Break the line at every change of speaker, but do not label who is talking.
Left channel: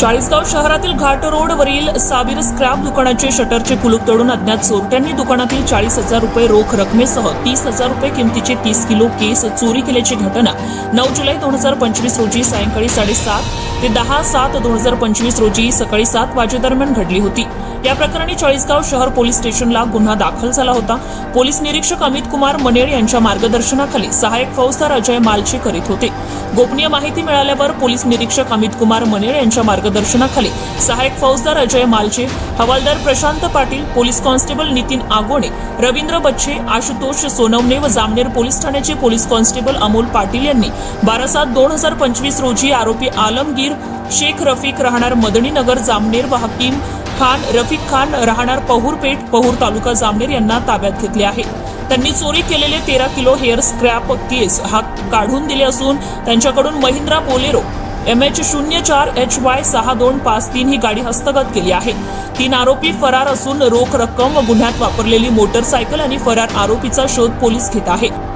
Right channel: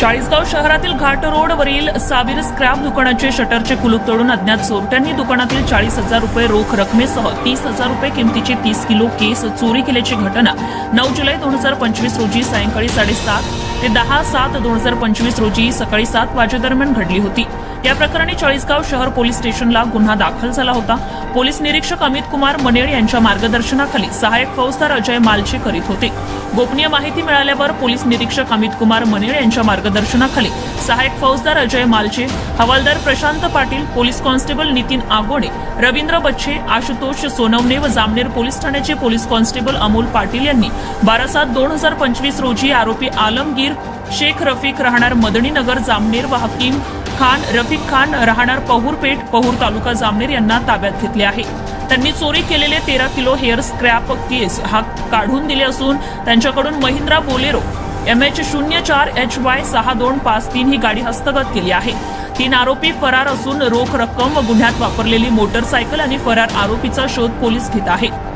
चाळीसगाव शहरातील घाट रोडवरील साबीर स्क्रॅप दुकानाचे शटरचे कुलूप तोडून अज्ञात चोरट्यांनी दुकानातील चाळीस हजार रुपये रोख रकमेसह तीस हजार रुपये किमतीचे तीस किलो केस चोरी केल्याची घटना नऊ जुलै दोन हजार पंचवीस रोजी सायंकाळी साडेसात ते दहा सात दोन हजार पंचवीस रोजी सकाळी सात वाजेदरम्यान घडली होती. या प्रकरणी चाळीसगाव शहर पोलीस स्टेशनला गुन्हा दाखल झाला होता. पोलीस निरीक्षक अमित कुमार मनेळ यांच्या मार्गदर्शनाखाली सहाय्यक फौजदार अजय मालचे करीत होते. गोपनीय माहिती मिळाल्यावर पोलीस निरीक्षक अमित कुमार मनेळ यांच्या मार्गदर्शनाखाली सहाय्यक फौजदार अजय मालचे हवालदार प्रशांत पाटील पोलीस कॉन्स्टेबल नितीन आगोणे रवींद्र बच्छे आशुतोष सोनवणे व जामनेर पोलीस ठाण्याचे पोलीस कॉन्स्टेबल अमोल पाटील यांनी बारा सात दोन हजार पंचवीस रोजी आरोपी आलमगीर शेख रफीक राहणार मदनीनगर जामनेर व हकीम खान रफिक खान राहणार पहूरपेठ पहूर तालुका जामनेर यांना ताब्यात घेतले आहे. त्यांनी चोरी केलेले तेरा किलो हेअर स्क्रॅप केस हा काढून दिले असून त्यांच्याकडून महिंद्रा बोलेरो एम एच शून्य चार एच वाय सहा दोन पाच तीन ही गाडी हस्तगत केली आहे. तीन आरोपी फरार असून रोख रक्कम व गुन्ह्यात वापरलेली मोटरसायकल आणि फरार आरोपीचा शोध पोलीस घेत आहेत